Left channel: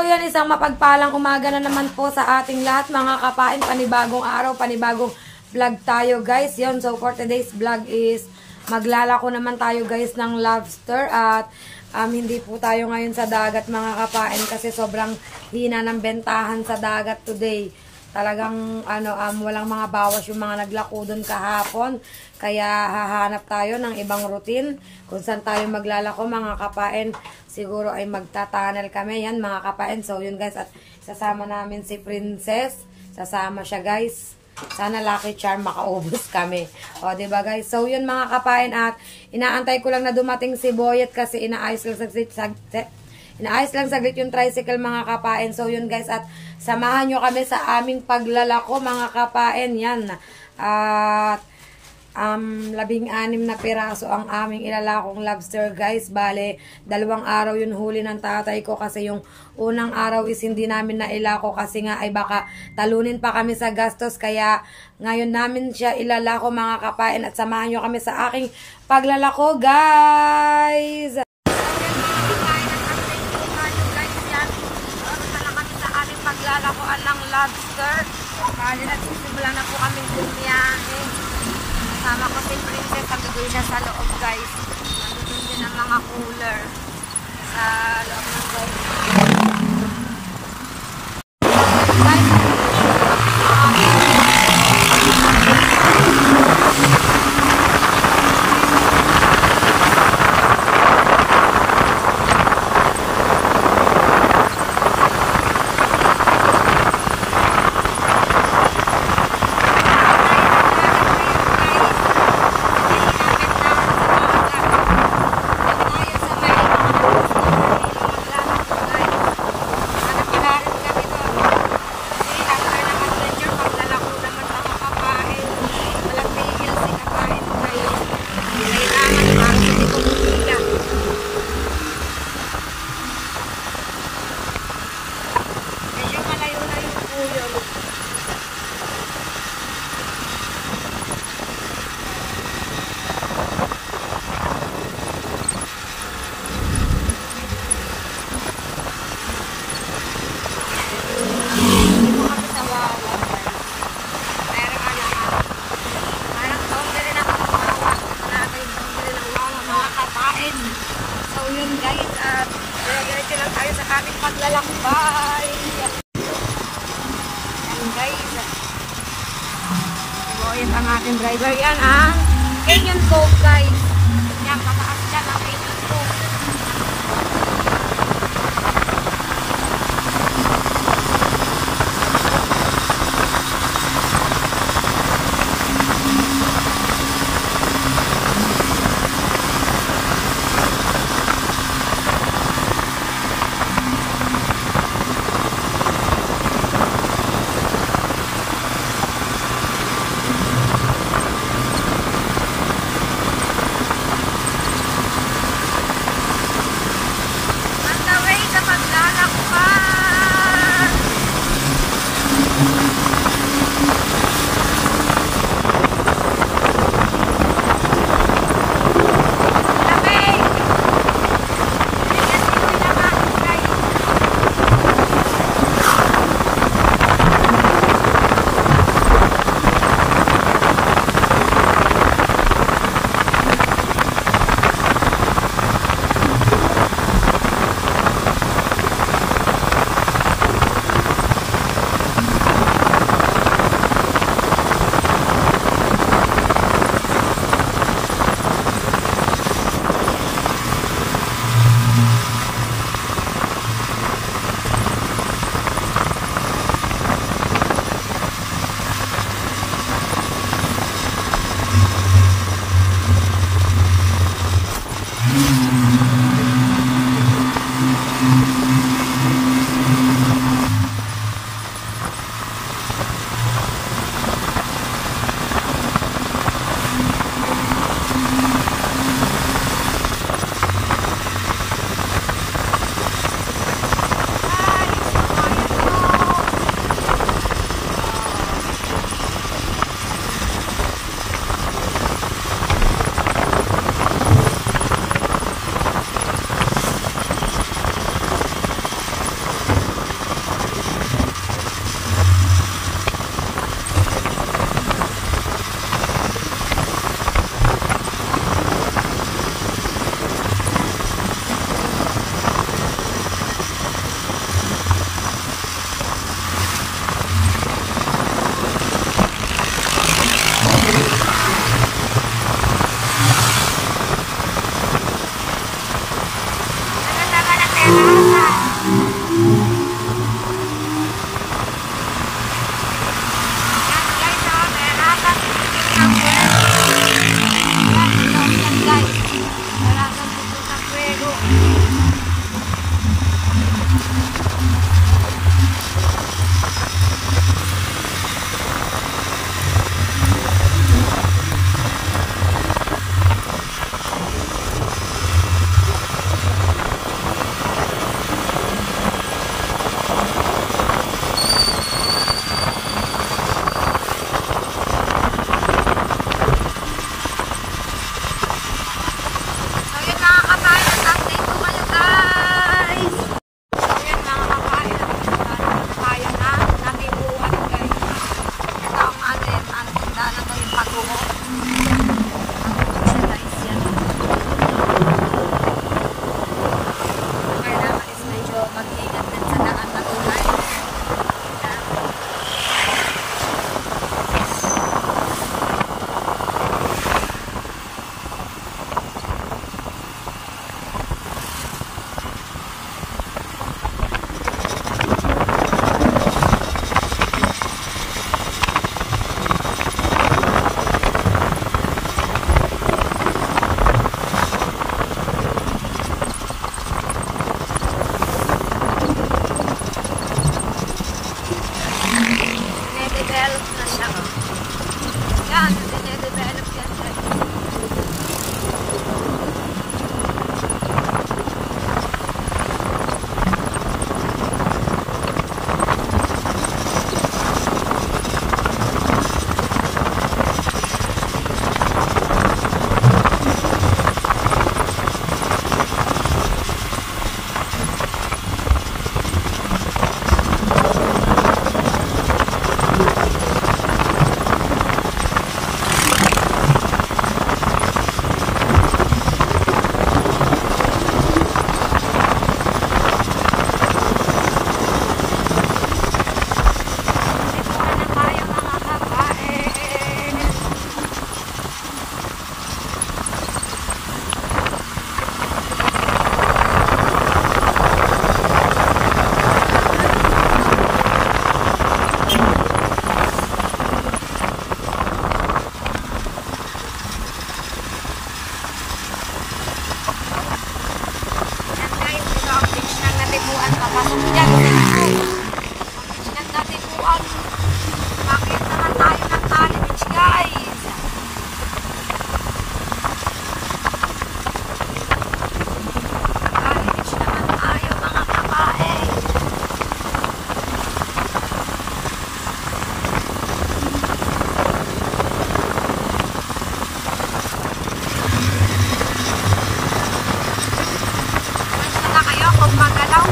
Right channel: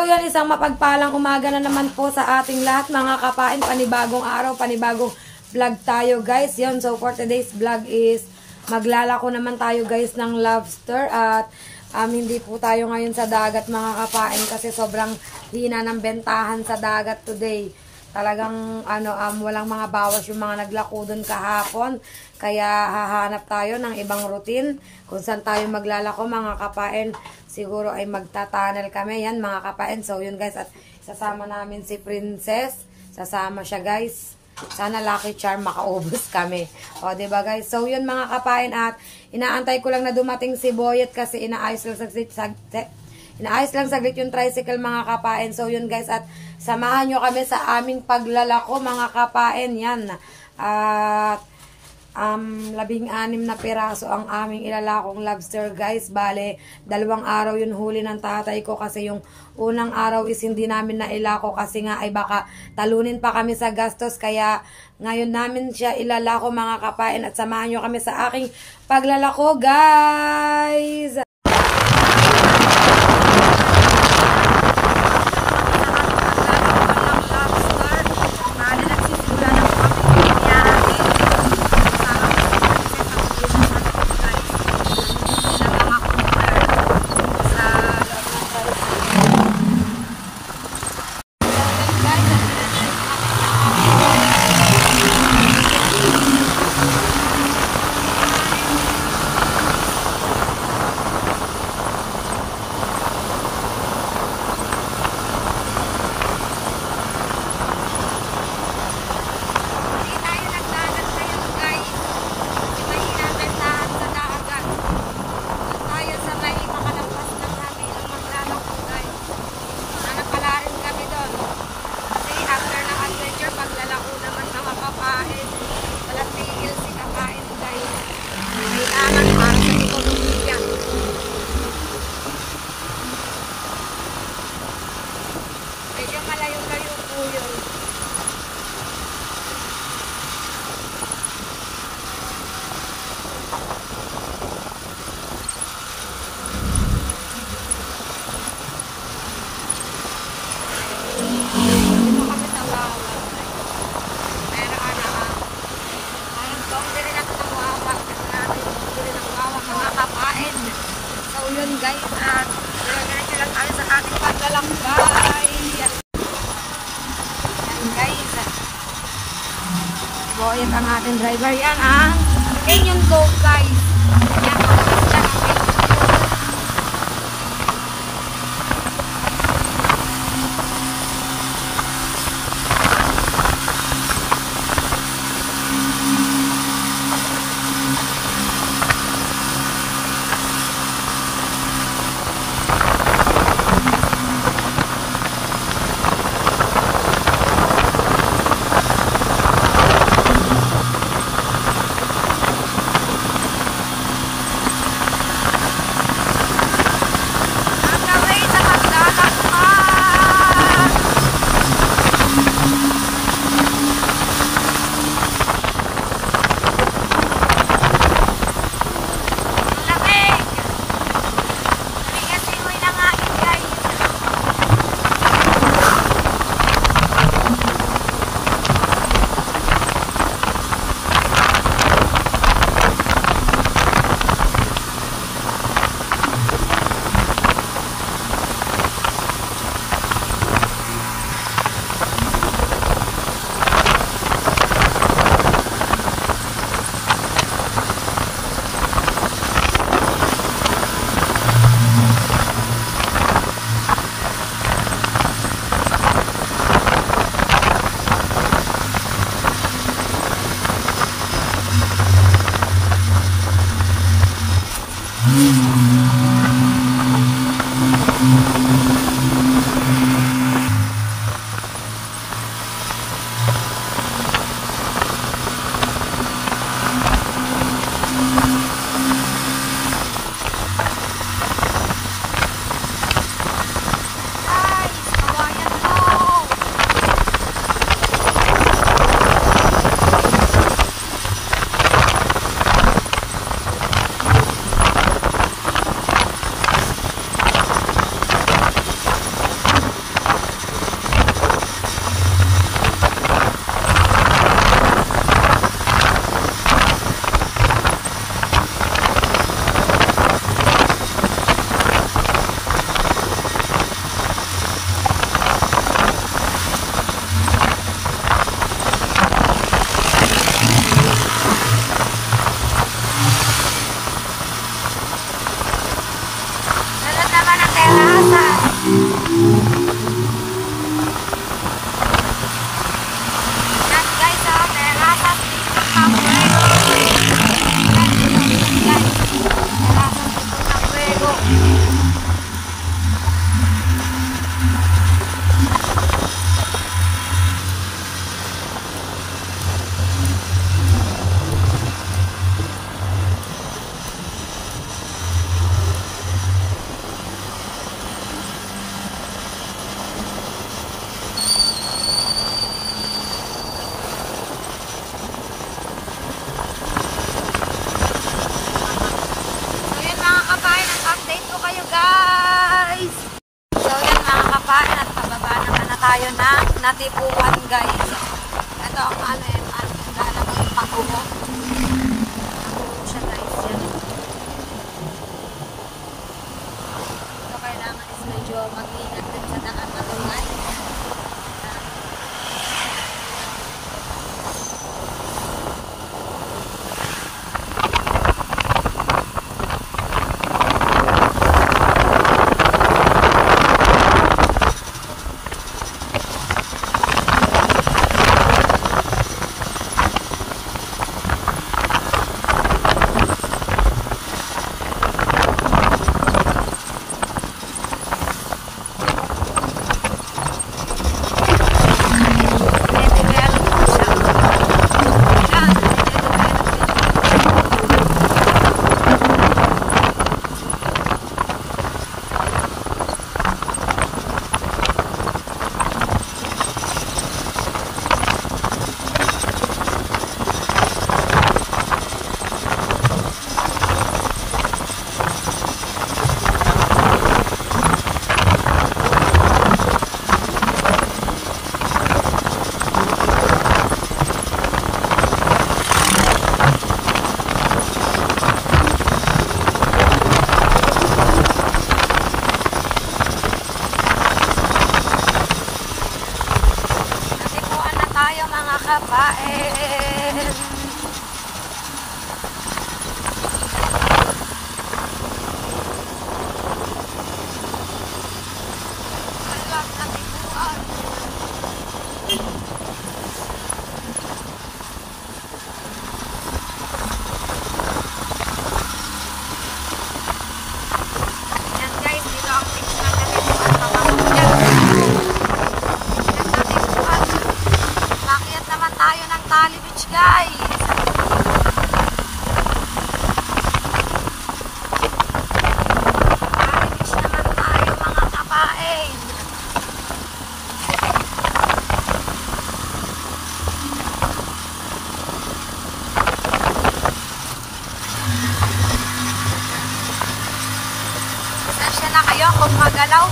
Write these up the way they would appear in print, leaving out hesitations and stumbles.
So yan, isang mapagpalang umaga na naman po sa ating lahat mga kapain. Panibagong araw, panibagong vlog tayo guys. Yun, so for today's vlog is maglalako naman tayo guys ng lobster. At hindi po tayo ngayon sa dagat mga kapain kasi sobrang hina ng bentahan sa dagat today. Talagang walang mga bawas yung mga naglako doon kahapon. Kaya hahanap tayo ng ibang routine kung saan tayo maglalako mga kapain. Siguro ay magta-tunnel kami yan mga kapain. So yun guys, at sasama namin si Princess. Sasama siya guys. Sana lucky charm makaubos kami. O diba guys? So yun mga kapain, at inaantay ko lang na dumating si Boyet kasi inaayos lang saglit yung tricycle mga kapain. So yun guys, at samahan nyo kami sa aming paglalako mga kapain. Yan. At 16 na piraso ang aming ilalakong lobster guys. Bale, 2 araw yun huli ng tatay ko kasi yung unang araw is hindi namin nailako kasi nga ay baka talunin pa kami sa gastos. Kaya ngayon namin siya ilalako mga kapain, at samahan nyo kami sa aking paglalako guys. So yun guys, at diretso lang tayo sa ating paglalakbay. Yan guys, Boyet ang ating driver. Yan ang Canyon Cove guys. Yan, malakas lang ang Canyon Cove.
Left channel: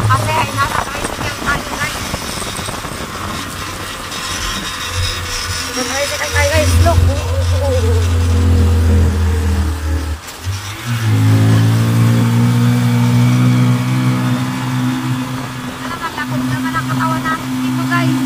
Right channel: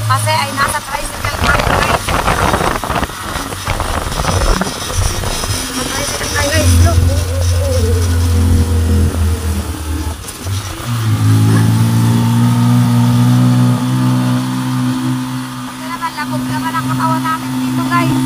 Kasi ay nasa tricycle tayo guys. Nasa tricycle tayo guys. Look. Ito naman, labog naman ang katawan natin dito guys.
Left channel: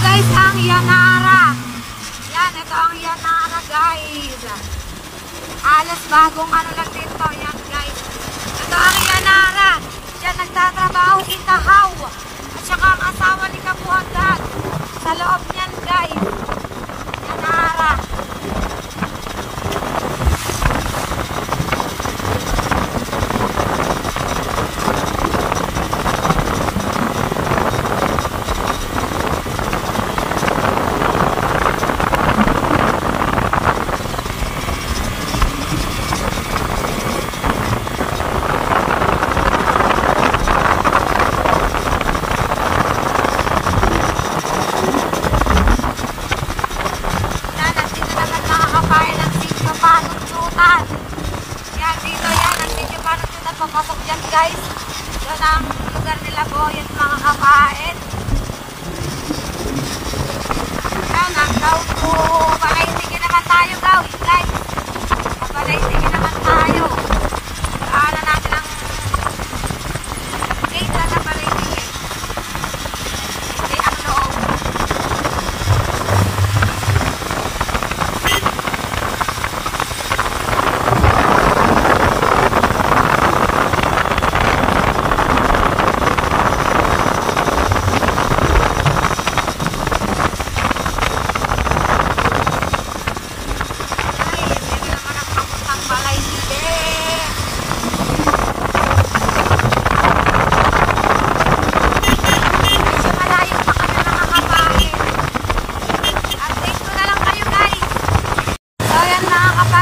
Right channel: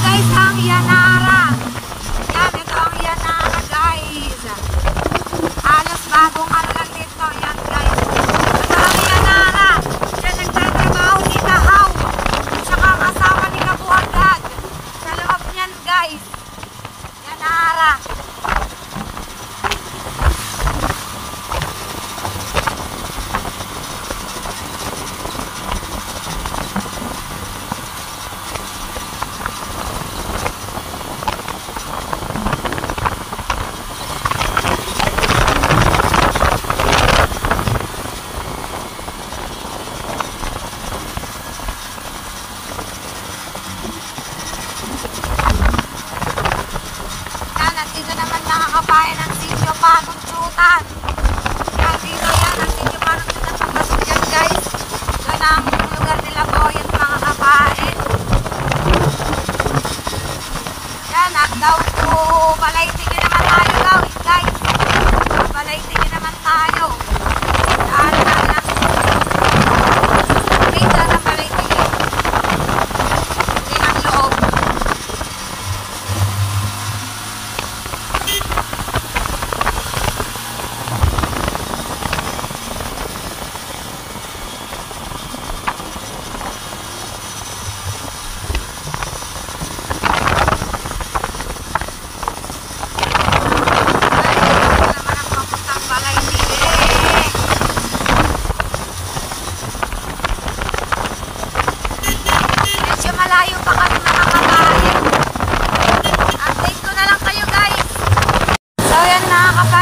Guys, ang Yanara. Yan, ito ang Yanara guys. Alas bagong ano lang dito. Yan guys. Ito ang Yanara. Yan, nagtatrabaho si Kahaw. At saka ang asawa ni Kabuhagad. Sa loob niyan guys. Yanara. Kapain ng Sitio Panutsutan. Yan, dito yan, ang Sitio Panutsutan. Papasok dyan guys. Doon ang lugar nila Boyet, mga kapain. Yan, ang daw po. Palaitigin naman tayo daw, guys. Palaitigin naman tayo. Daanan natin ang gate na palaitigin. Din ang loob.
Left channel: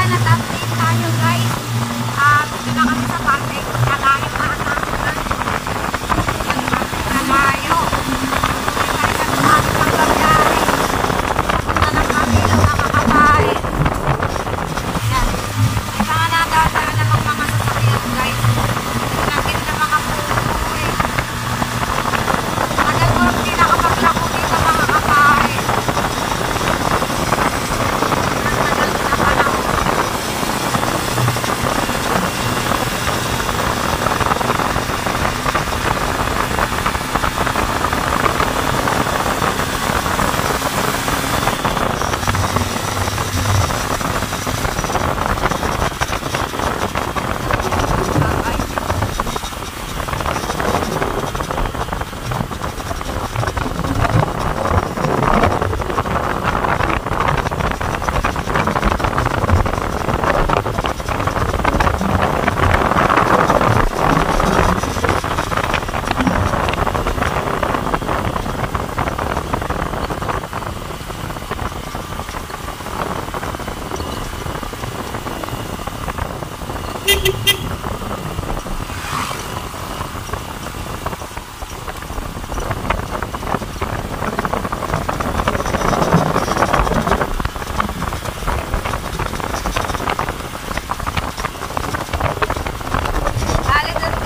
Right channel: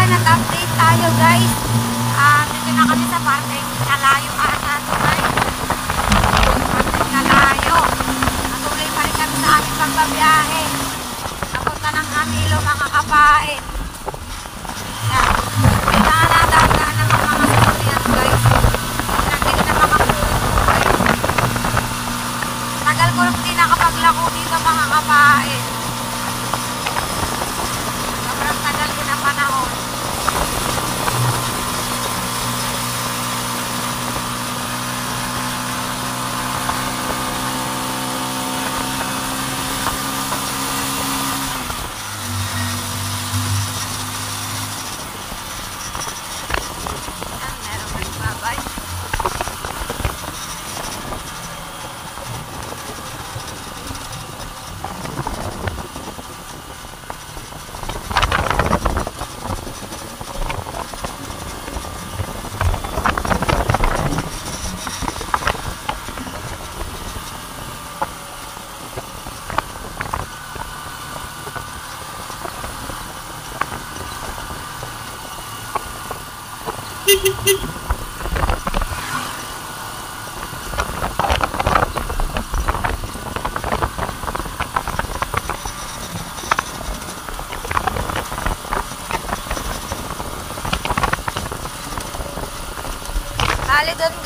Nag-update tayo guys. Dito na kami sa parte. Nalayo pa ang nalayo. Tuloy pa rin kami sa ating pagbabiyahe. Napunta ng Camilo, mga kapain. Yan. Ito nga nadaan ng mga sasakyan guys. Nagkita ng mga puno eh. Tagal ko rin nakapaglako dito mga kapain.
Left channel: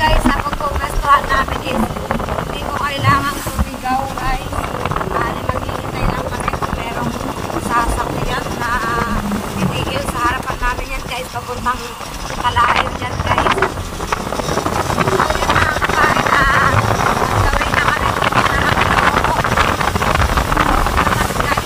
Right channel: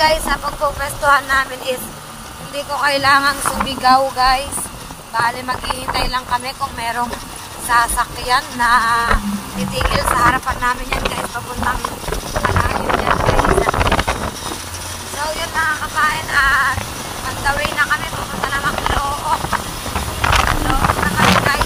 Guys, ako po kailangang sumigaw guys. Bali maghihintay lang kami kung merong sasakyan na titigil sa harapan namin yan guys. Papuntang Malayo yan guys. So yun mga kapain at nagdawin na kami kung malalang loko. So naman guys.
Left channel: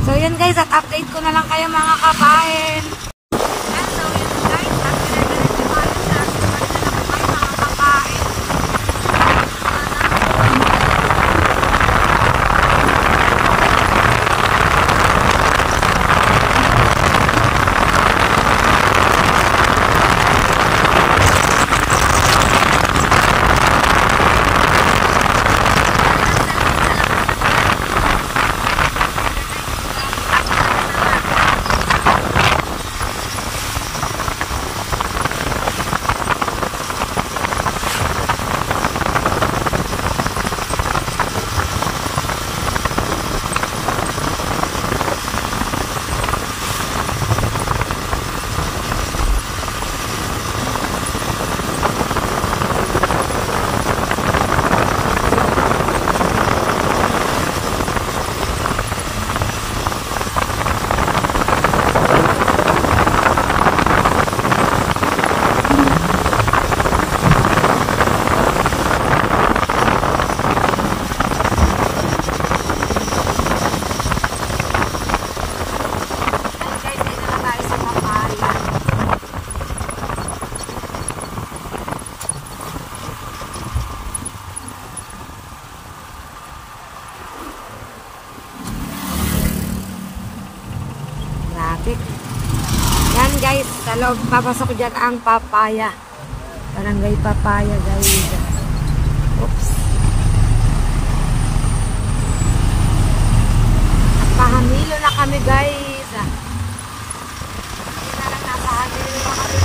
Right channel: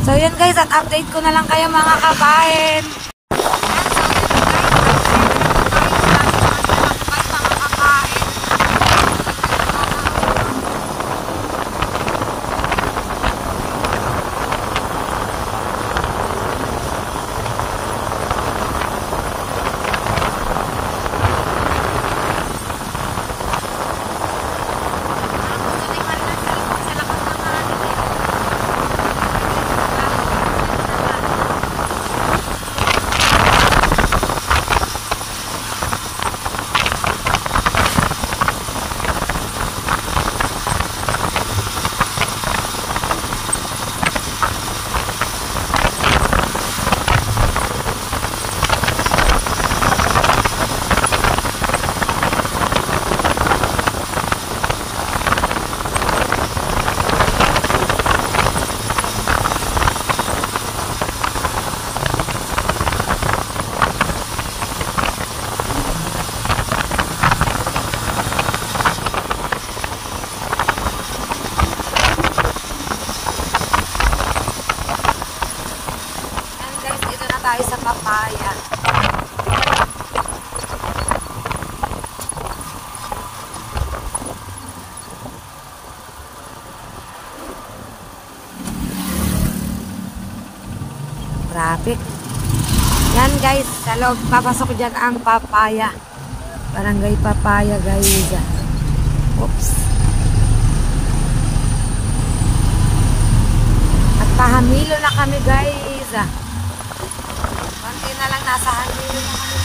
So yun guys, at update ko na lang kayo mga kabayan. Tayo sa Papaya. Traffic. Yan guys, sa loob papasok dyan ang Papaya. Barangay Papaya guys. Oops. At pahamilo na kami guys. Na lang nasa hangin na kami.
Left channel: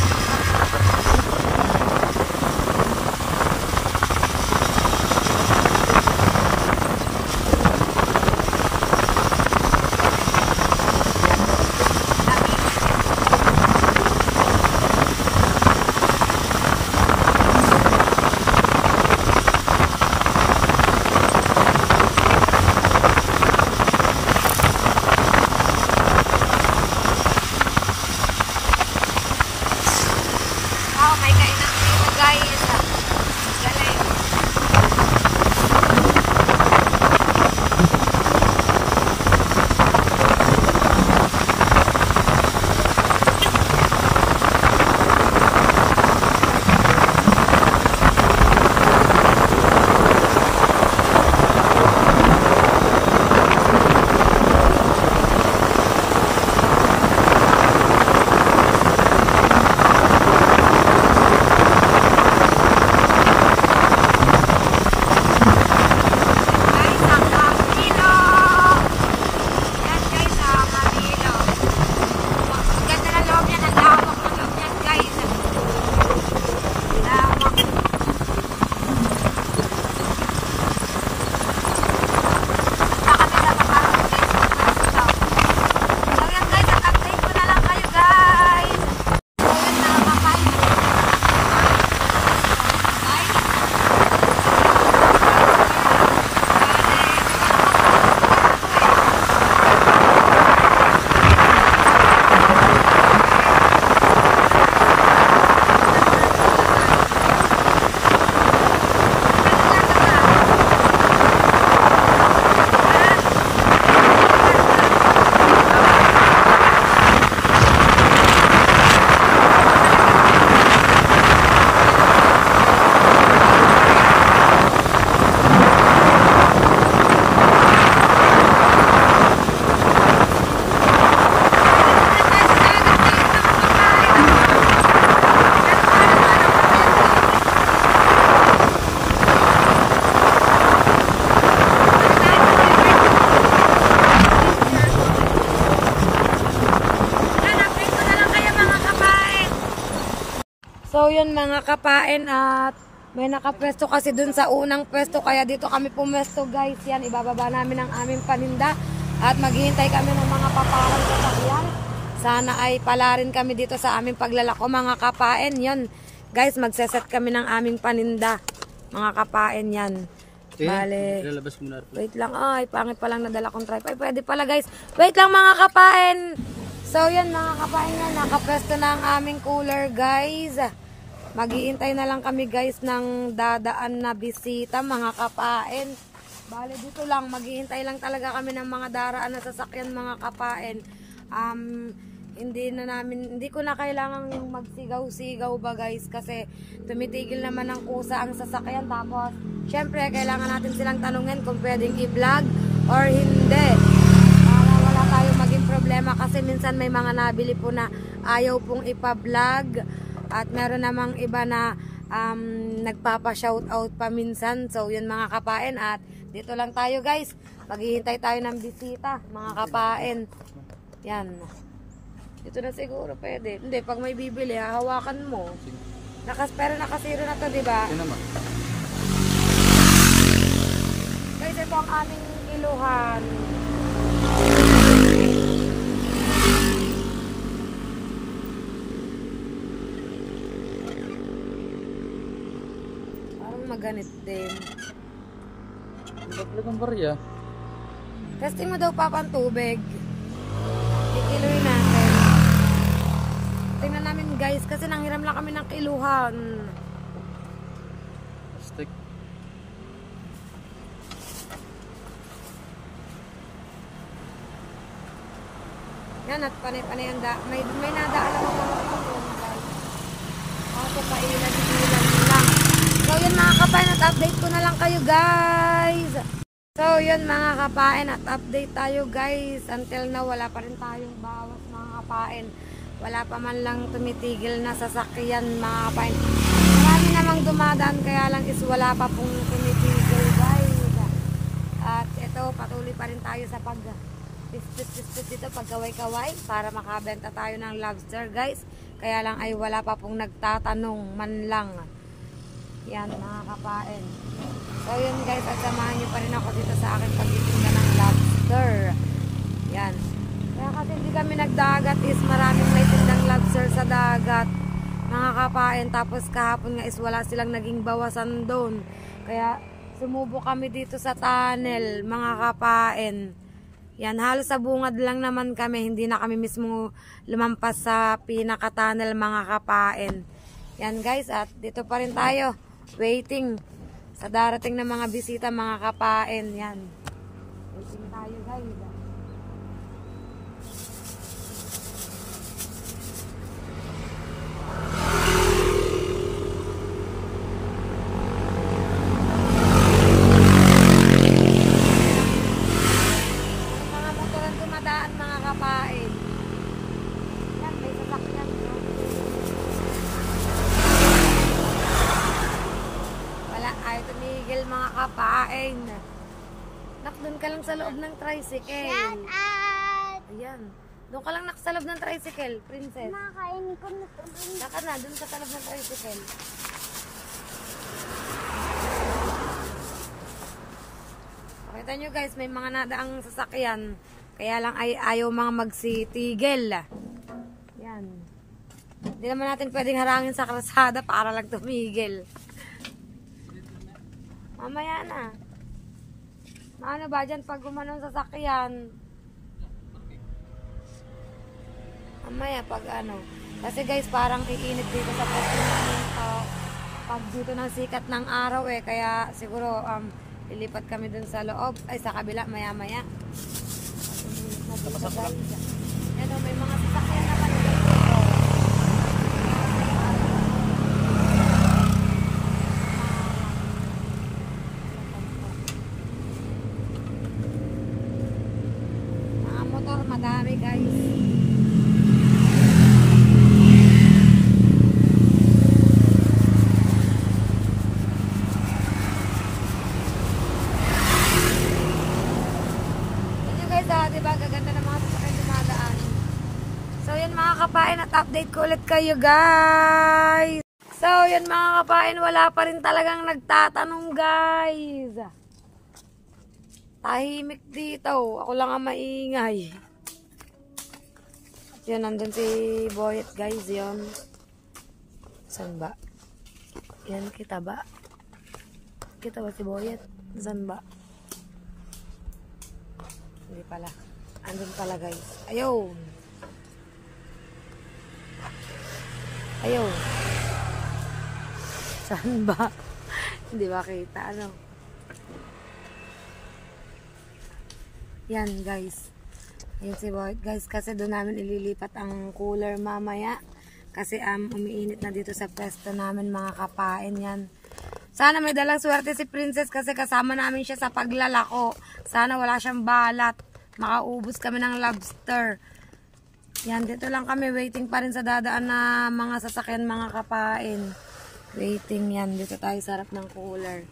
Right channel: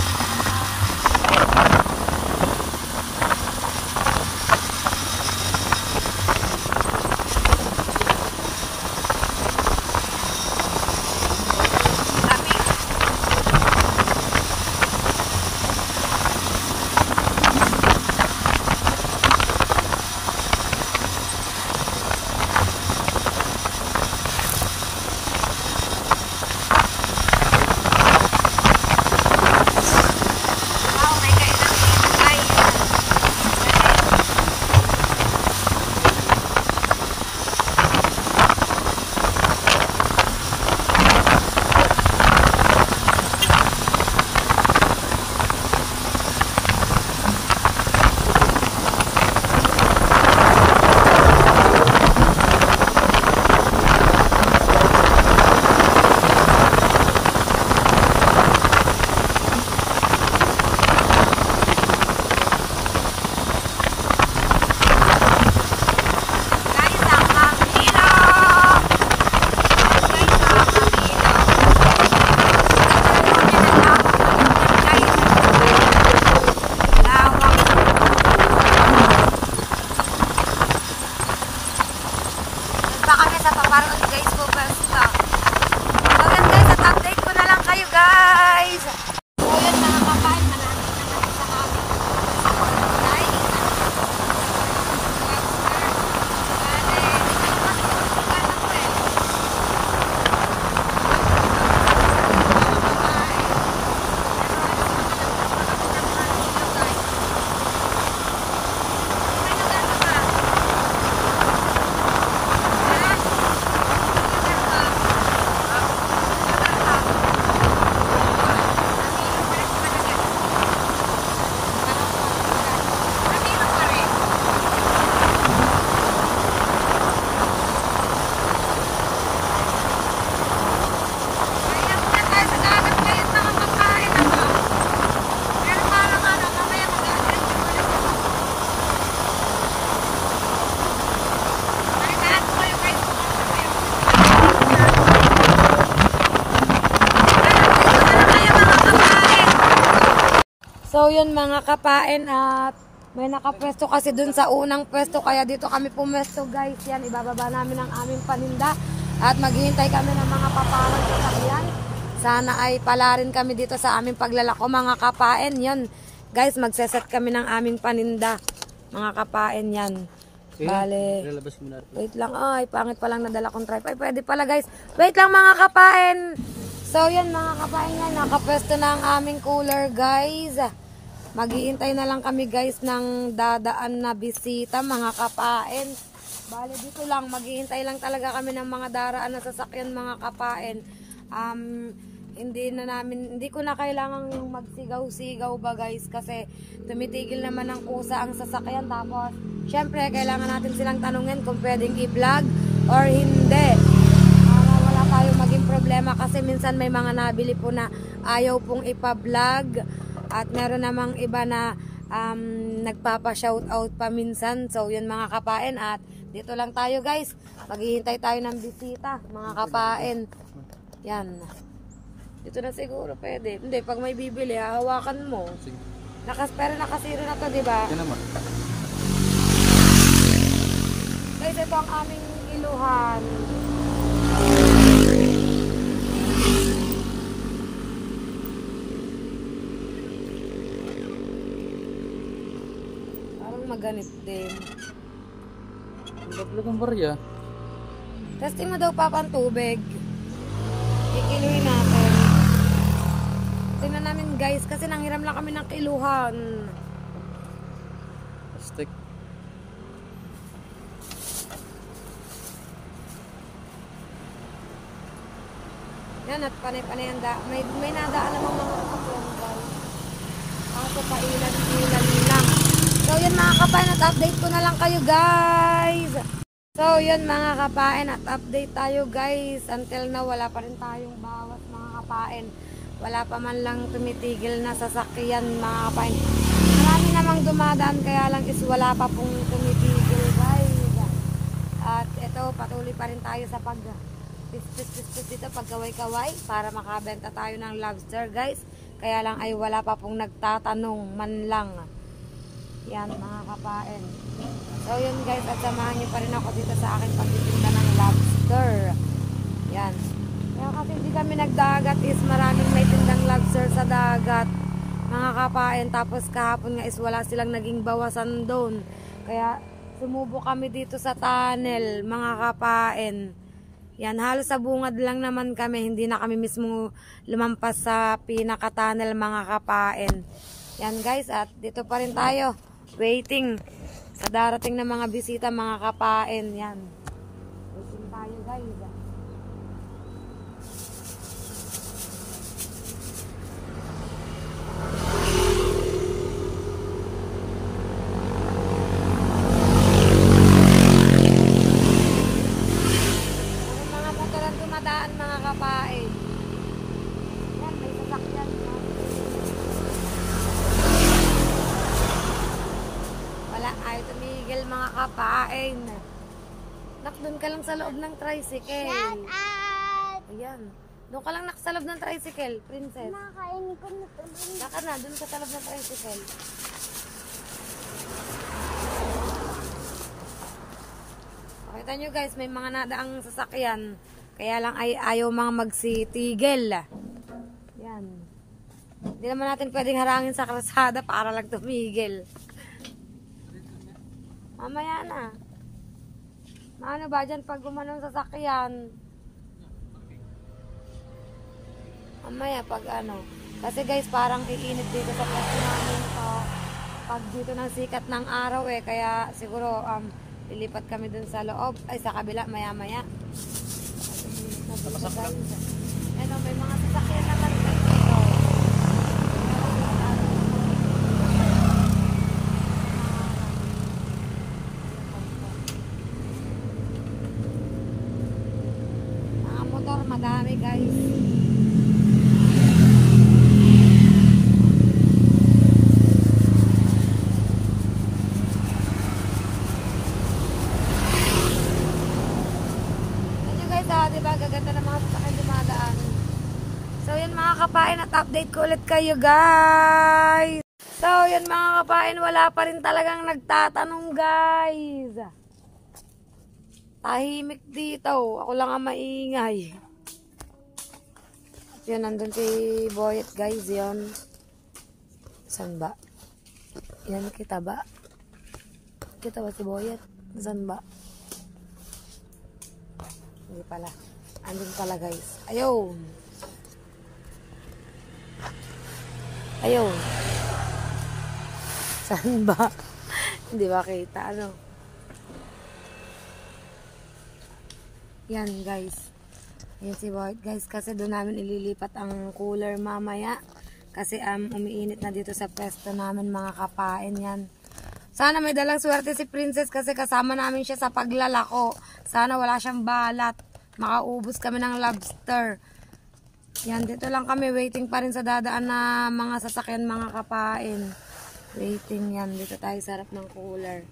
So yun mga kapain at may nakapwesto kasi dun sa unang pwesto kaya dito kami pumwesto guys. Yan, ibababa namin ang aming paninda at maghihintay kami ng mga paparang sasakyan. Sana ay pala rin kami dito sa aming paglalako mga kapain. Yan guys, magseset kami ng aming paninda mga kapain yan. Bale, wait lang, ay pangit pa lang nadala kong tripod. Ay pwede pala guys, wait lang mga kapain. So yan mga kapain yan, nakapwesto na ang aming cooler guys. Maghihintay na lang kami guys ng dadaan na bisita mga kapain. Bale dito lang, maghihintay lang talaga kami ng mga daraan na sasakyan mga kapain. Hindi ko na kailangan yung magsigaw-sigaw ba guys kasi tumitigil naman ng kusa ang sasakyan. Tapos syempre kailangan natin silang tanungin kung pwedeng i-vlog or hindi para wala tayong maging problema kasi minsan may mga nabili po na ayaw pong ipa-vlog. At meron namang iba na nagpapa-shoutout pa minsan. So yun mga kapain at dito lang tayo guys. Maghihintay tayo ng bisita mga kapain. Yan. Dito na siguro pwede. Hindi, pag may bibili hahawakan mo. Pero nakasiro na to diba? Guys ito ang aming iluhan. Maganit din. Tatlo kong barya. Testing mo daw papa ang tubig. Ikiluin natin. Tingnan namin guys kasi nanghiram lang kami ng kiluhan. Stick. Yan at panay-panay ang may nadaan namang mga sasakyan guys. Ako pa ilan-ilan lang. So yun mga kapain at update ko na lang kayo guys. So yun mga kapain at update tayo guys. Until now wala pa rin tayong bawas mga kapain. Wala pa man lang tumitigil na sasakyan mga kapain. Marami namang dumadaan kaya lang is wala pa pong tumitigil guys. At ito patuloy pa rin tayo sa pag dito pagkaway-kaway para makabenta tayo ng lobster guys. Kaya lang ay wala pa pong nagtatanong man lang. Yan mga kapain. So yun guys at samahan nyo pa rin ako dito sa akin pagtitinda ng lobster. Yan. Kaya kasi hindi kami nagdagat is maraming may tindang lobster sa dagat. Mga kapain. Tapos kahapon nga is wala silang naging bawasan doon. Kaya sumubo kami dito sa tunnel mga kapain. Yan halos sa bungad lang naman kami. Hindi na kami mismo lumampas sa pinaka-tunnel mga kapain. Yan guys at dito pa rin tayo. Waiting sa darating na mga bisita mga kapain. Yan. Waiting tayo guys. Mga motor ang dumadaan mga kapain. Yan may sasakyan. Ay, tumigil mga kapain. Nak, doon ka lang sa loob ng tricycle. Shut up! Ayan. Doon ka lang nak sa loob ng tricycle, princess. Nakain ko na ito. Naka na, doon ka sa loob ng tricycle. Pakita nyo guys, may mga nadaang sasakyan. Kaya lang ay ayaw mga magsitigil. Yan. Hindi naman natin pwedeng harangin sa kalsada para lang tumigil. Mamaya na. Maano ba dyan pag gumanong sasakyan? Mamaya pag ano. Kasi guys parang iinit dito sa pwesto namin pag dito ng sikat ng araw eh. Kaya siguro lilipat kami dun sa loob. Ay sa kabila maya maya. Yan o may mga sasakyan naman guys. Ito. Motor madami guys. Yan guys diba gaganda ng mga sasakyan dumadaan. So yun mga kapain at update ko ulit kayo guys. So, yan mga kapain, wala pa rin talagang nagtatanong, guys. Tahimik dito. Ako lang ang maingay. Yan, nandun si Boyet, guys. Yan. Saan ba? Yan, kita ba? Kita ba si Boyet? Saan ba? Hindi pala. Andun pala, guys. Ayun. Ayun. Saan ba? Hindi ba kita? Ano? Yan, guys. Ayan si Boyet, guys. Kasi doon namin ililipat ang cooler mamaya. Kasi umiinit na dito sa pwesto namin, mga kapain. Yan. Sana may dalang swerte si Princess kasi kasama namin siya sa paglalako. Sana wala siyang balat. Makaubos kami ng lobster. Yan, dito lang kami. Waiting pa rin sa dadaan na mga sasakyan, mga kapain. Waiting yan. Dito tayo sa harap ng cooler.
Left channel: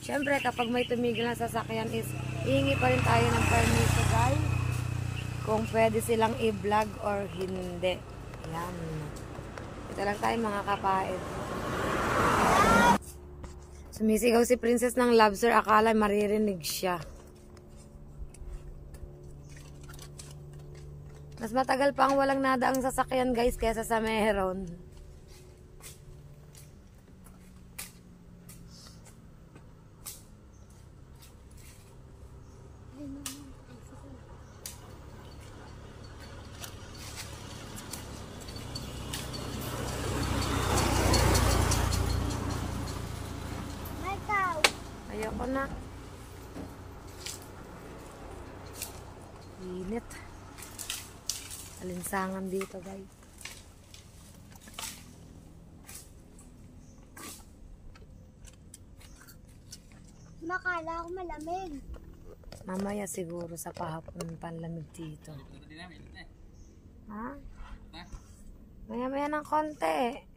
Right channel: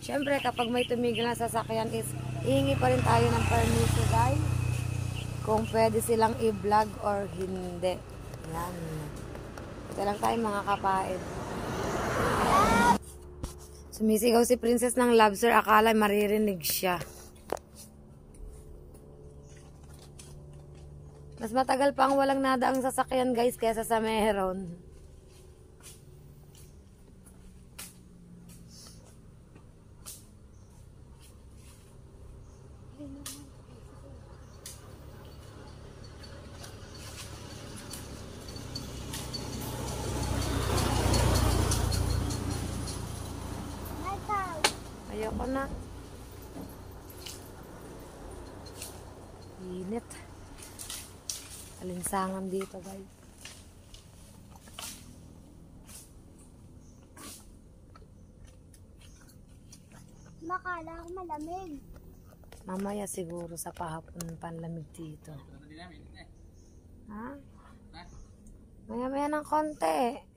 Siyempre, kapag may tumigil na sasakyan is, hihingi pa rin tayo ng permission, guys. Kung pwede silang i-vlog or hindi. Yan. Dito lang tayo, mga kapain. Sumisigaw si Princess ng lobster. Akala maririnig siya. Mas matagal pa ang walang nadaang sasakyan, guys, kaysa sa meron. Ayoko na. Init. Alinsangan dito, guys. Makala ko malamig. Mamaya siguro sa pahapon panlamig dito. Ha? Maya-maya ng konti.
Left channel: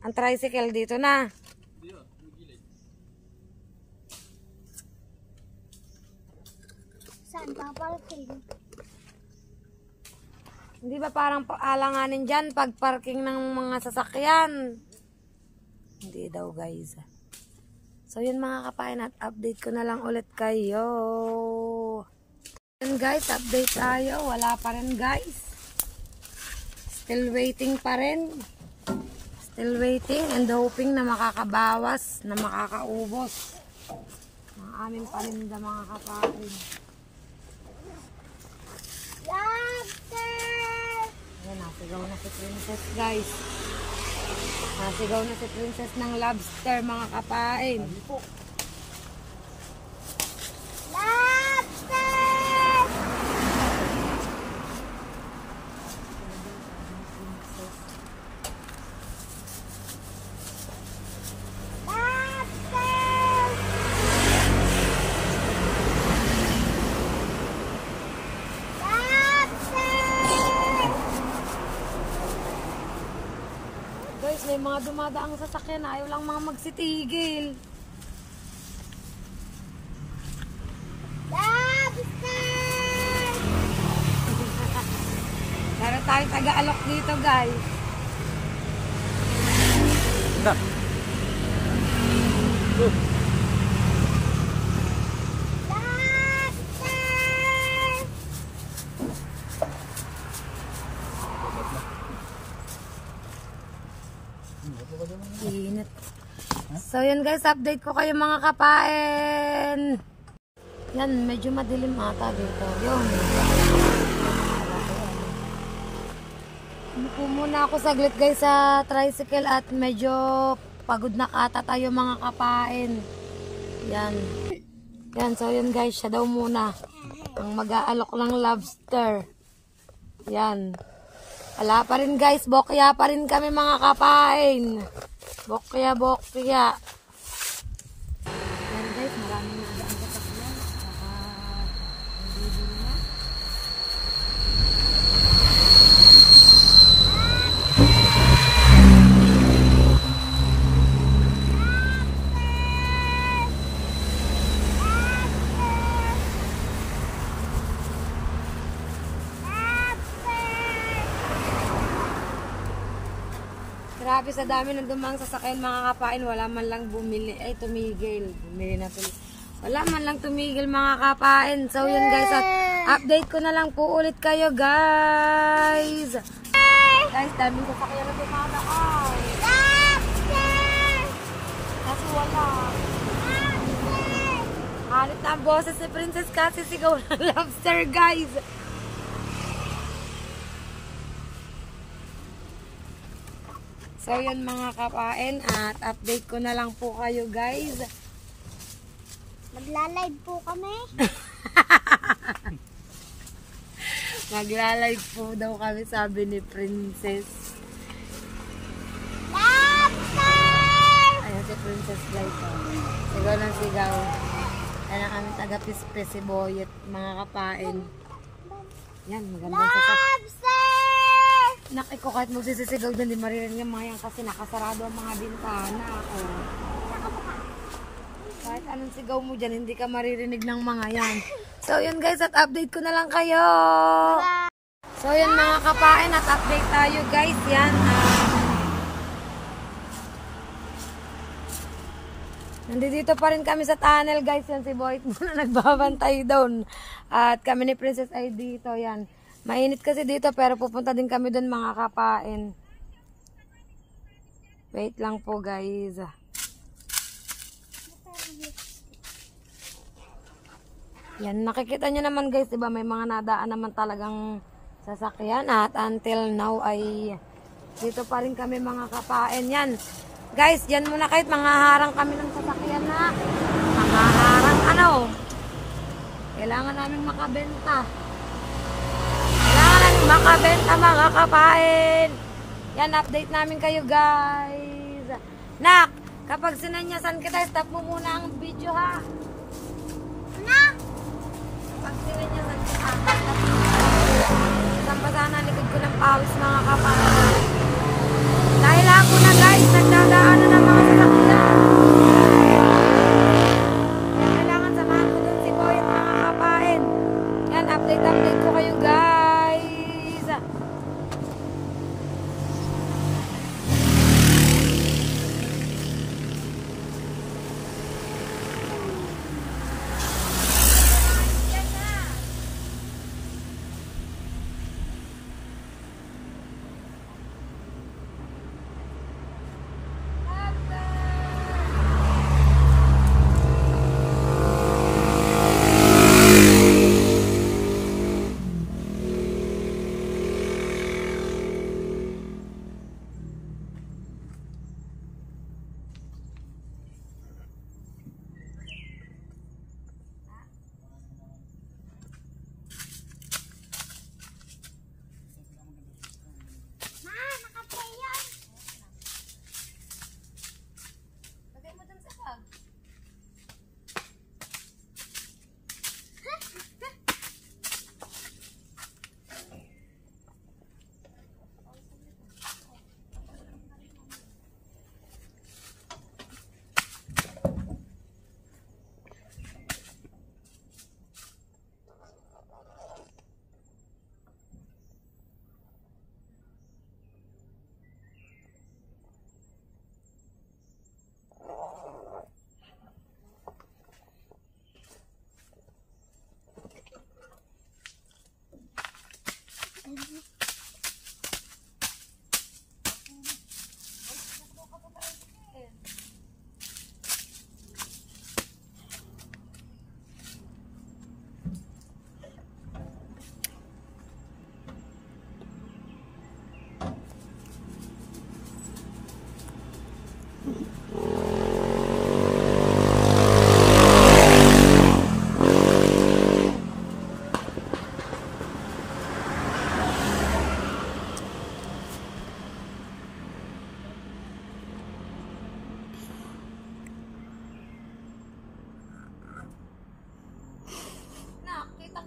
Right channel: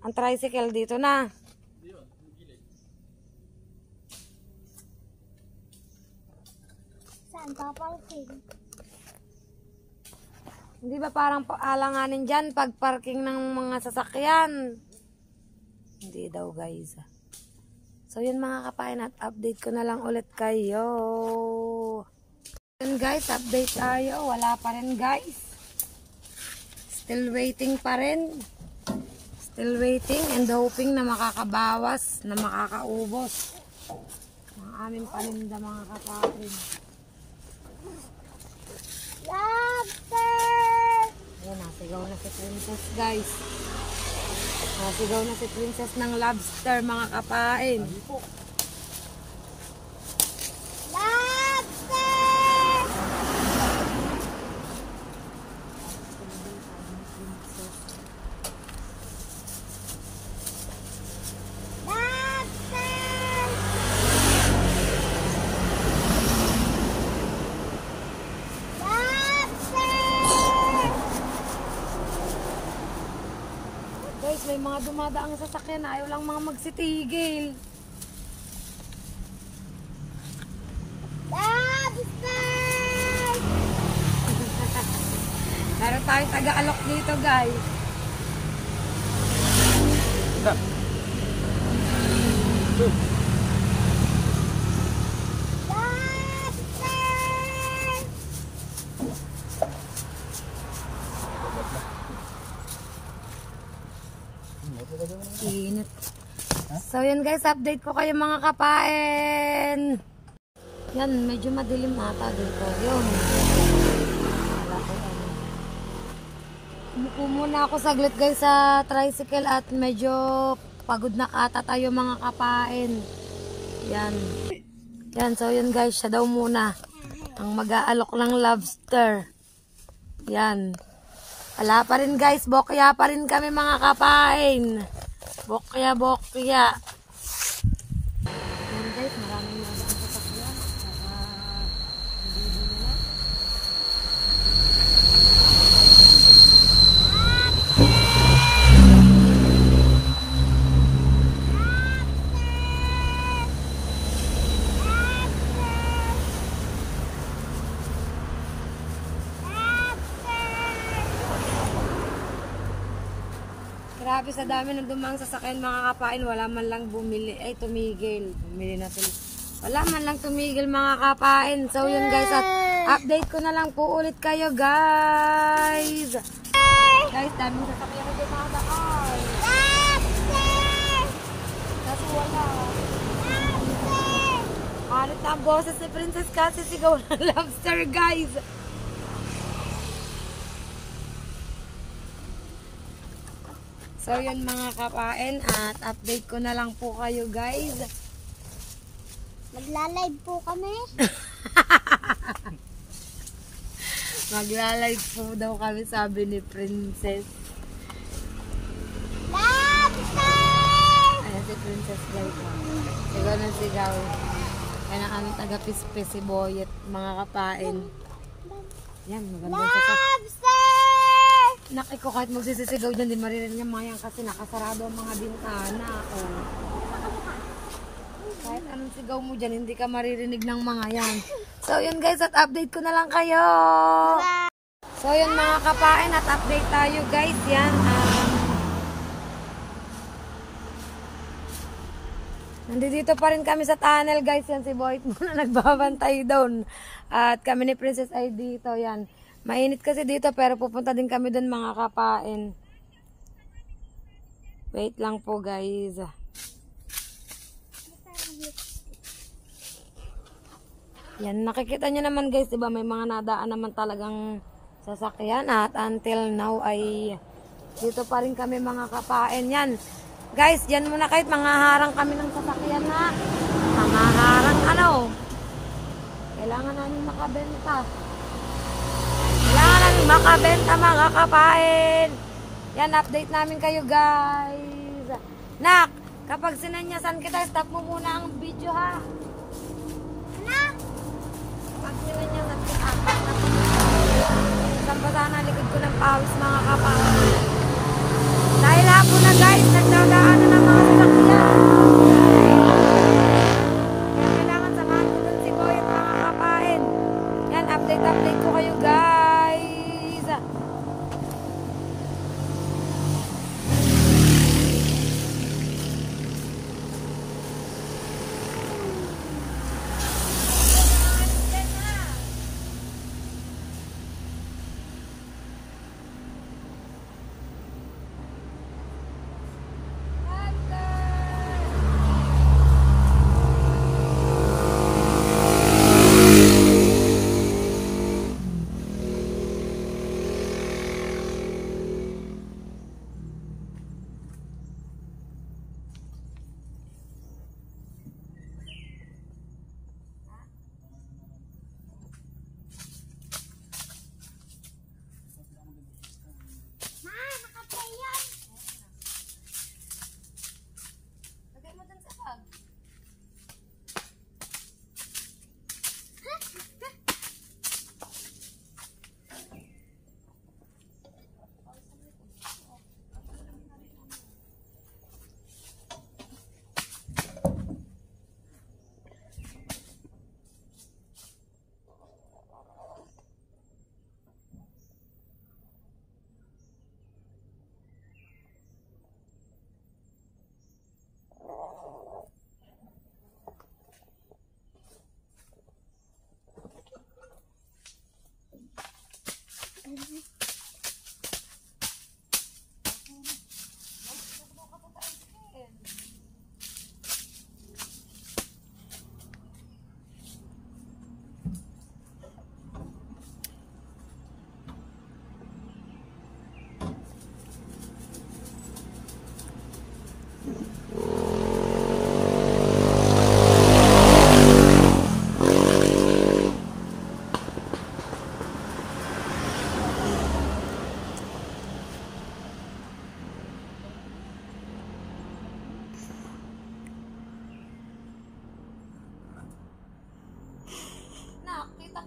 Ang tricycle dito na. Saan ka parating? Hindi ba parang alanganin dyan pag parking ng mga sasakyan? Hindi daw, guys. So yun mga kapain, at update ko na lang ulit kayo. Yun guys, update tayo. Wala pa rin, guys. Still waiting pa rin. Still waiting and hoping na makakabawas, na makakaubos ang aming paninda, mga kapain. Lobster! Ayan, nasigaw na si Princess, guys. Nasigaw na si Princess ng lobster, mga kapain. Lobster! Guys, may mga dumadaang sasakyan na ayaw lang mga magsitigil. Lobster! Meron tayong taga-alok dito, guys. Init. So yun guys, update ko kayo mga kapain. Yan, medyo madilim ata dito. Yun. Wala ko ano. Umupo muna ako saglit guys sa tricycle at medyo pagod na kata tayo mga kapain. Yan. Yan, so yun guys, siya daw muna ang mag-aalok ng lobster. Yan. Wala pa rin guys, bokya pa rin kami mga kapain. Bokya, bokya. Yan guys, maraming nagdaan sa sakyan. Saka, hindi na. grabe sa dami ng dumang sasakyan mga kapain. Wala man lang bumili. Ay, tumigil. Bumili na tuloy. Wala man lang tumigil mga kapain. So yun guys, at update ko na lang po ulit kayo guys. Guys, daming sasakyan na dumadaan. Kaso wala. Halit na ang boses ni Princess kasi sigaw ng lobster guys. So yun mga kapain, at update ko na lang po kayo guys. Magla-live po kami. Magla-live po daw kami, sabi ni Princess. Lobster! Ayan si Princess Light. Sigaw ng sigaw. Ayan ang aming taga-pispis si Boyet, mga kapain. Yan, magandang sasak. Lobster! Nakiko kahit magsisisigaw dyan, di maririnig yung mga yan kasi nakasarado ang mga bintana. Oh. Kahit anong sigaw mo dyan, hindi ka maririnig ng mga yan. So yun guys, at update ko na lang kayo. So yun mga kapain, at update tayo guys. Yan. Nandito pa rin kami sa tunnel guys. Yan si Boyet muna nagbabantay doon. At kami ni Princess ay dito. Yan. Mainit kasi dito pero pupunta din kami doon mga kapain. Wait lang po guys. Yan, nakikita nyo naman guys, diba may mga nadaan naman talagang sasakyan at until now ay dito pa rin kami mga kapain. Yan, guys, yan muna kahit manghaharang kami ng sasakyan na. Manghaharang ano? Kailangan namin makabenta. Kailangan namin makabenta mga kapain. Yan, update namin kayo guys. Nak, kapag sinanyasan kita, stop mo muna ang video ha. Pag sinanyasan kita, stop mo muna ang video. Basa na likod ko ng pawis mga kapain. Dahil ako na guys, nagdadaan na ng mga sasakyan. Kaya kailangan samahan ko dun si Boyet mga kapain. Yan, update ko kayo guys.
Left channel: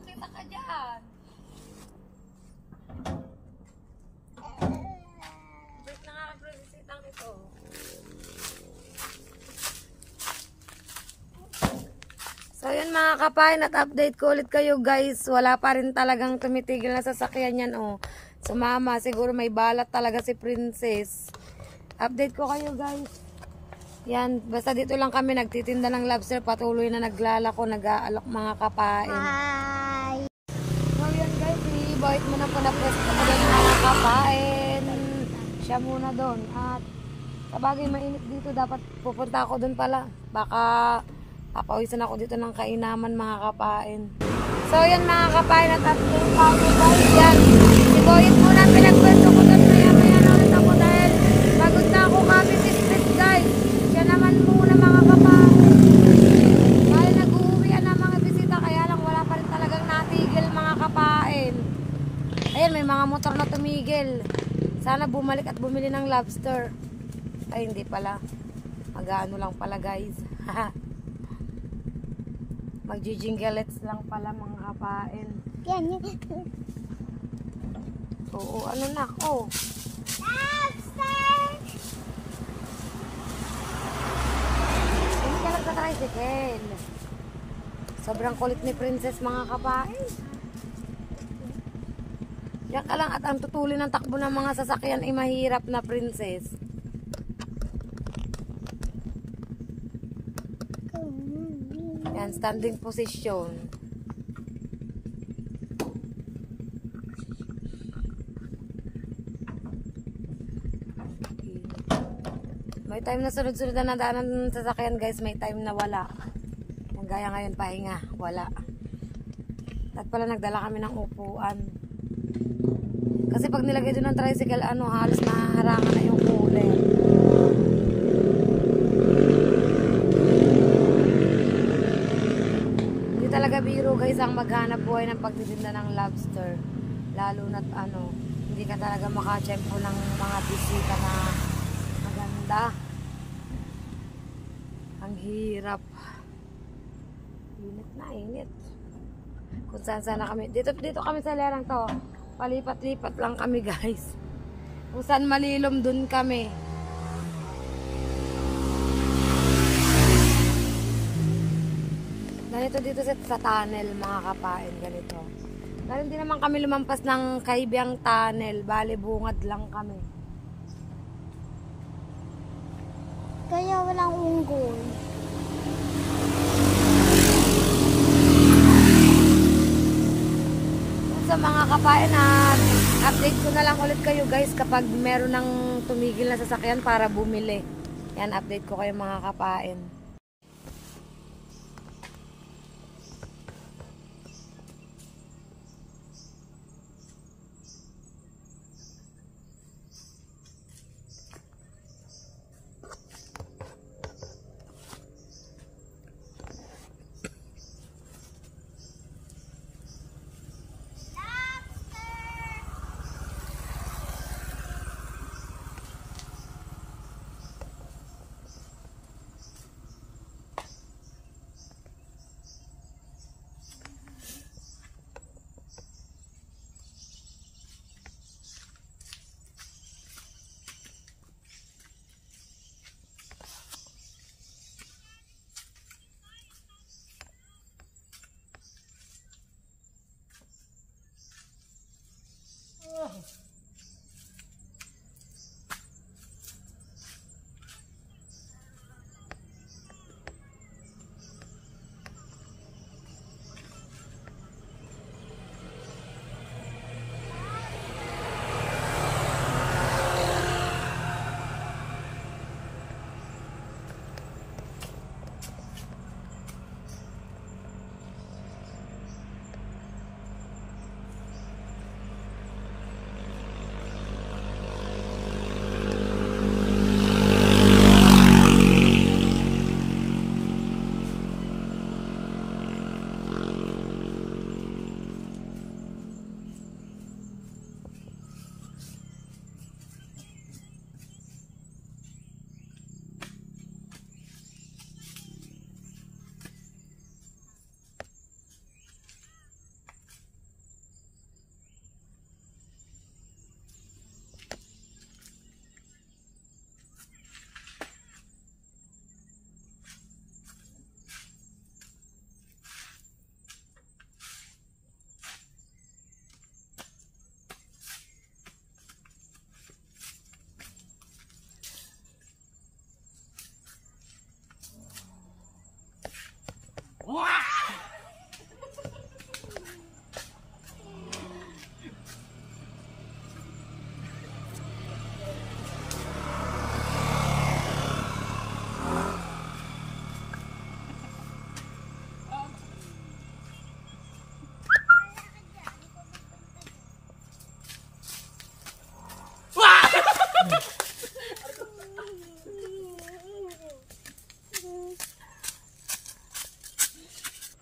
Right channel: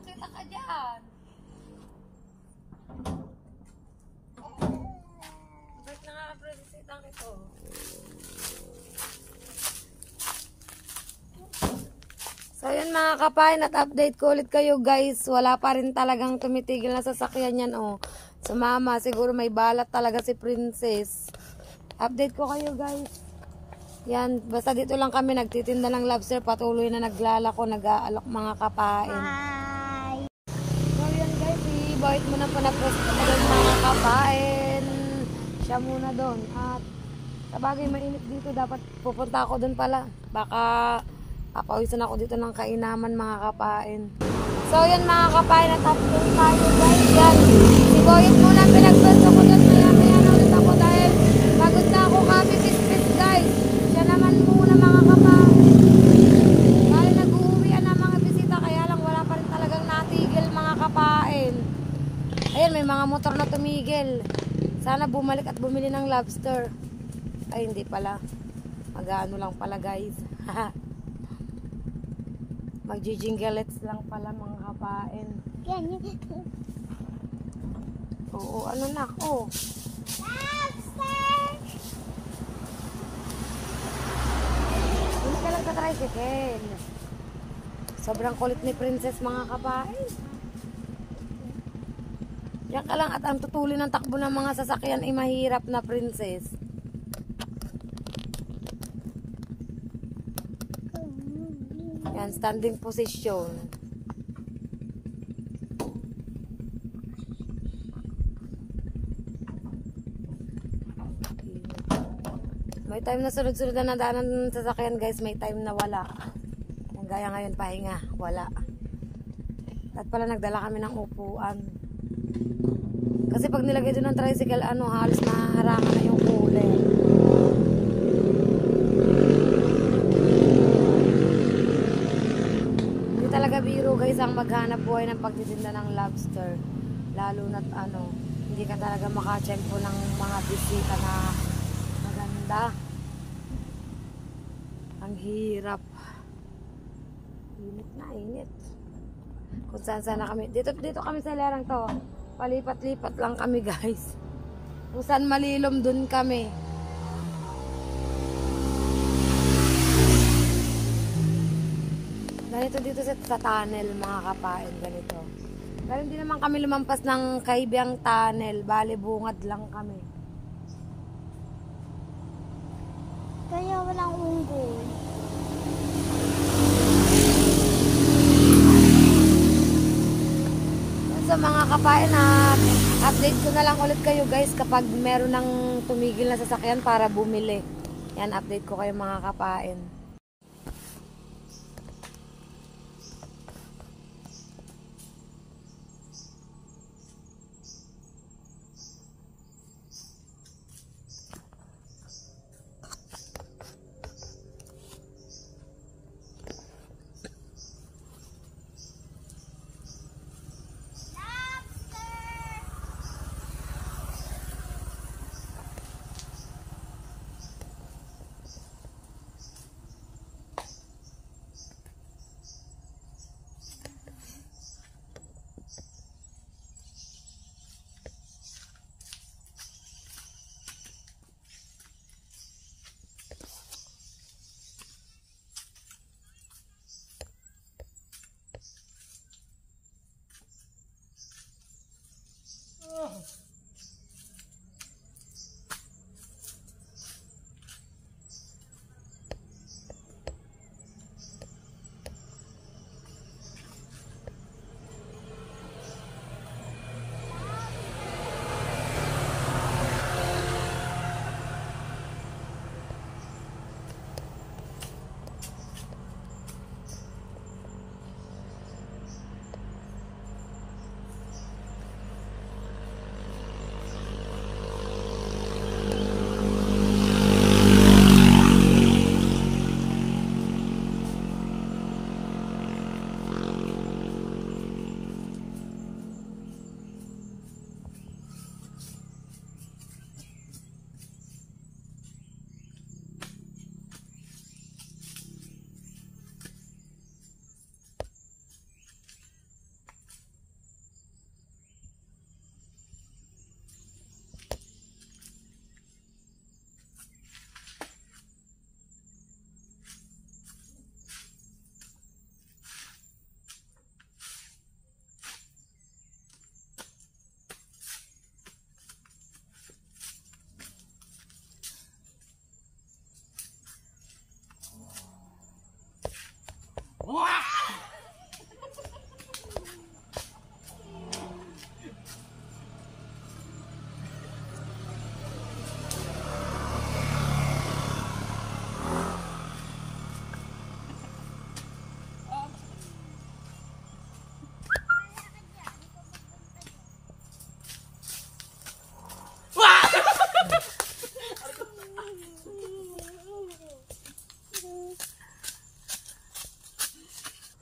Kita ka dyan. Break na nga ang ito. So yun mga kapain, at update ko ulit kayo guys. Wala pa rin talagang tumitigil na sasakyan yan oh. Sumama, siguro may balat talaga si Princess. Update ko kayo guys. Yan, basta dito lang kami nagtitinda ng lobster. Patuloy na naglalako, nag-aalok mga kapain. Hi. So yan guys, i-bite mo na po na pwesto ko doon mga kapain. Siya muna doon. At sa bagay mainit dito, dapat pupunta ako doon pala. Baka papawisan ako dito ng kainaman mga kapain. So yan mga kapain, at update tayo guys. Yan, si Boyet muna pinagpwesto ko doon. Maya na ulit ako dahil pagod na ako kasi sis guys. Siya naman muna mga kapain. Bali nag-uuwian na mga bisita, kaya lang wala pa rin talagang natigil mga kapain. Ayan, may mga motor na tumigil. Sana bumalik at bumili ng lobster. Ay, hindi pala. Mag-ano lang pala guys. Mag-jinglets lang pala mga kapain. Yan. Oo, ano na? Oh. Lobster! Hindi ka lang sa tricycle. Sobrang kulit ni Princess mga kapain. Yan ka lang, at ang tutulin ng takbo ng mga sasakyan ay mahirap na Princess. Yan, standing position. May time na sunod-sunod na nadaanan ng sasakyan guys, may time na wala. Yan, gaya ngayon, pahinga, wala. At pala nagdala kami ng upuan. Kasi pag nilagay doon ng tricycle, halos mahaharangan na yung cooler. Hindi talaga biro guys ang maghanap buhay ng pagtitinda ng lobster. Lalo na't hindi ka talaga makatsyempo ng mga bisita na maganda. Ang hirap. Init na, init. Kung saan sana kami. Dito kami sa lerang to. Palipat-lipat lang kami guys. Kung saan malilom dun kami. Ganito dito sa tunnel mga kapain. Ganito. Pero hindi naman kami lumampas ng Kaibiyang tunnel. Bale bungad lang kami. Kaya walang unggoy. Sa mga kapain, update ko na lang ulit kayo guys kapag meron ng tumigil na sasakyan para bumili. Yan, update ko kayo mga kapain.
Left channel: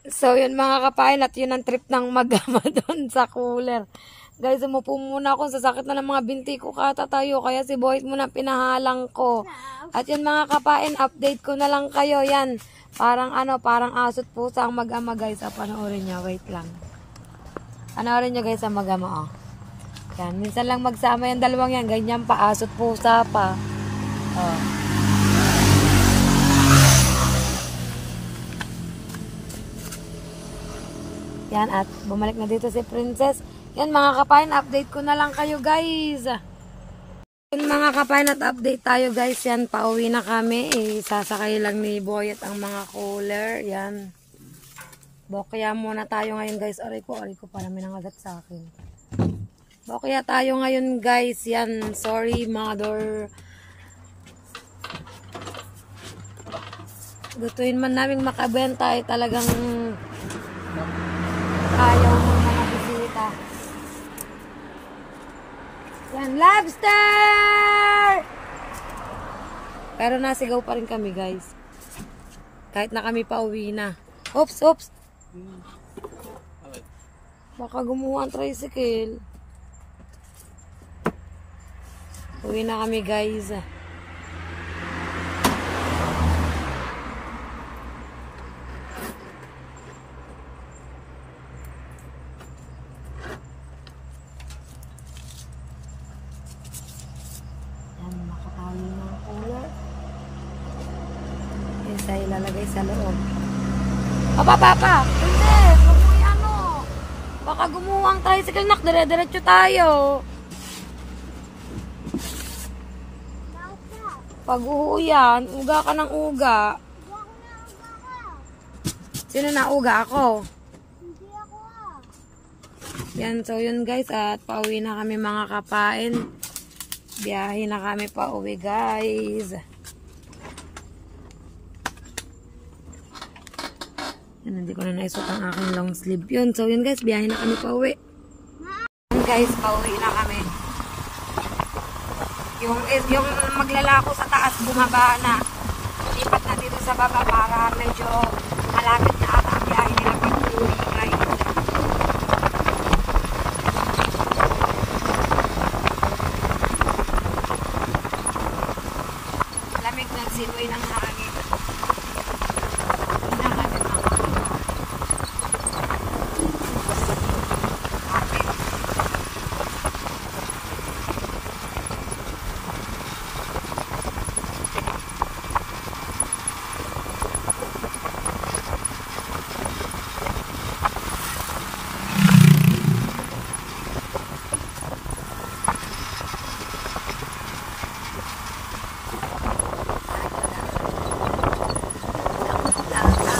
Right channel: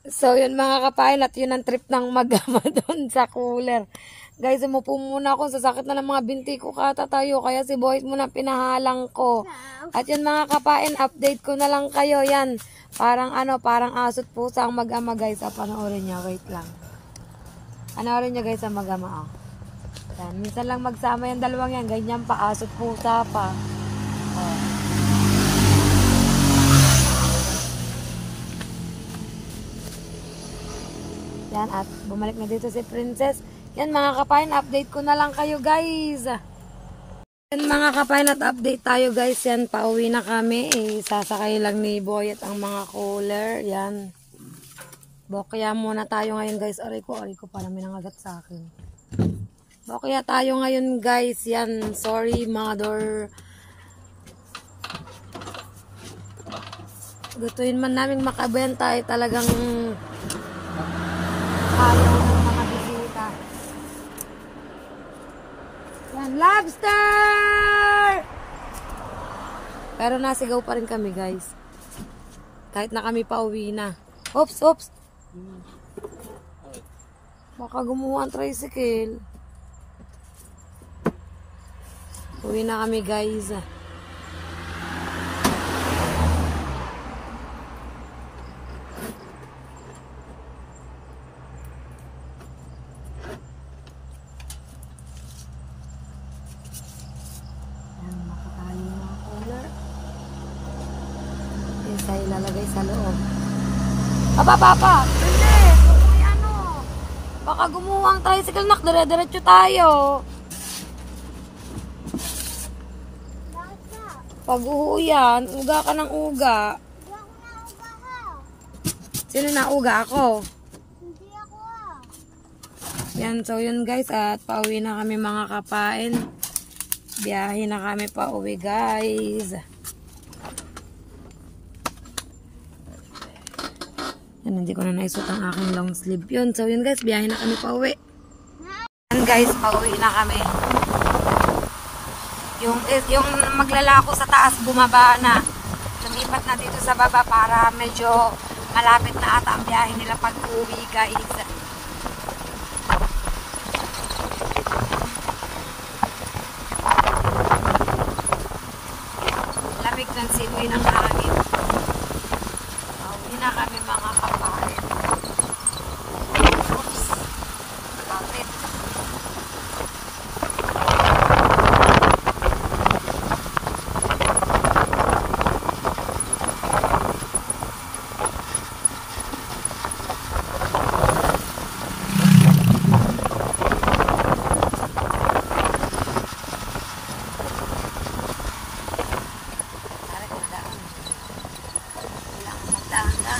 So, yun mga kapain, at yun ang trip ng mag-ama doon sa cooler. Guys, umupo muna ako. Sasakit na ng mga binti ko katatayo. Kaya si Boys muna pinahalang ko. At yun mga kapain, update ko na lang kayo. Yan, parang parang asot pusa ang mag-ama guys. Panoorin nyo, wait lang. Panoorin nyo guys ang mag-ama. Yan, minsan lang magsama yung dalawang yan. Ganyan pa, asot pusa pa. Yan, at bumalik na dito si Princess. Yan mga kapain, update ko na lang kayo guys. Yan mga kapain, at update tayo guys. Yan, pauwi na kami. Sasakay lang ni Boy at ang mga cooler. Yan. Bokya muna tayo ngayon guys. Aray ko, parang may nangagat sa akin. Bokya tayo ngayon guys. Yan, sorry mother. Gutuin man namin makabenta ay talagang ayaw ng mga bisita. Yan, lobster! Pero nasigaw pa rin kami guys. Kahit na kami pauwi na. Oops, oops. Baka gumawa ang tricycle. Uwi na kami guys. Nakatali na ang cooler. Isa ilalagay sa loob. Papa! Hindi! Huwag mo ano! Baka gumuha ang tricycle, nak. Dire-diretso tayo. Pag uhuyan, uga ka ng uga. Sino na uga? Ako? Hindi ako Yan, so yun guys. At pauwi na kami mga kapain. Biyahe na kami pa uwi guys. Yan, hindi ko na naisot ang aking long sleeve yun. So yun guys, biyahe na kami pa uwi. Yan guys, pauwi na kami. Yung maglalako sa taas, bumaba na. Nalipat na dito sa baba para medyo malapit na ata ang biyahe nila pag uwi guys. Ng simoy ng hangin. Hindi na kami makakapagod. Kapit. Bye.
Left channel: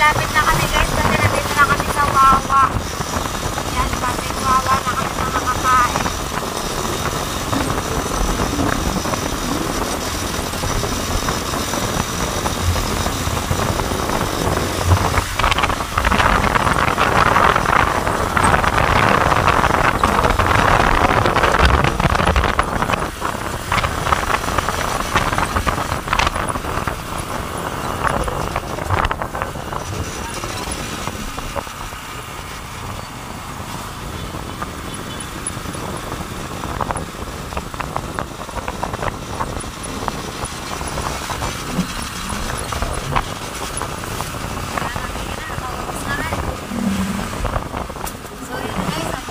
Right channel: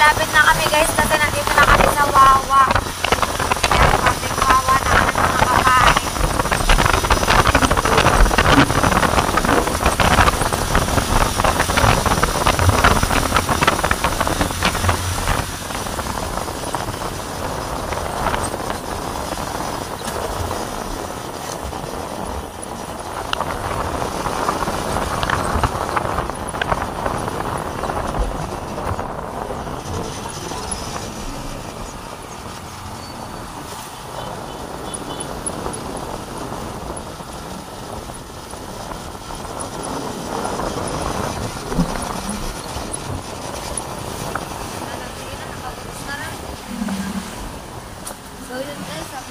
malapit na kami guys kasi nandito na kami sa Wawa. Yan, public Wawa na kami mga kapain.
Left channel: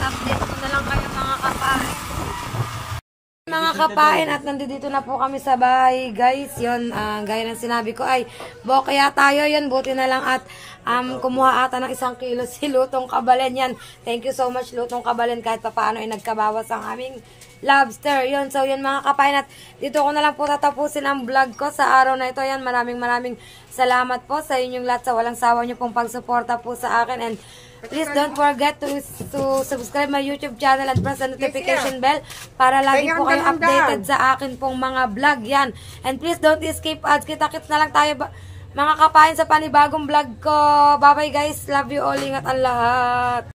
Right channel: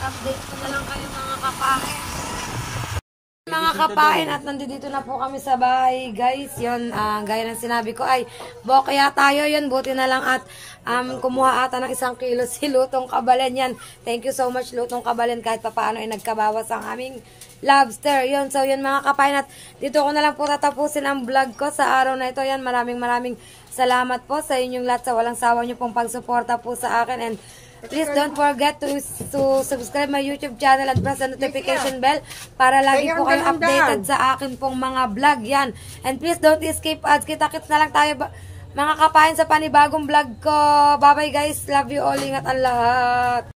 Update ko na lang kayo mga kapain. Mga kapain at nandito na po kami sa bahay guys. Yun, gaya ng sinabi ko ay bokya tayo yun. Buti na lang at kumuha ata ng 1 kilo si Lutong Kabalen yan. Thank you so much Lutong Kabalen kahit papaano ay nagkabawas ang aming lobster. Yun, so yun mga kapain at dito ko na lang po tatapusin ang vlog ko sa araw na ito. Yan, maraming salamat po sa inyong lahat sa walang sawa nyo pong pagsuporta po sa akin and please don't forget to subscribe my YouTube channel and press the notification bell para lagi po kayo updated sa akin pong mga vlog yan. And please don't escape ads. Kita-kits na lang tayo mga kapain sa panibagong vlog ko. Bye bye guys. Love you all. Ingat ang lahat.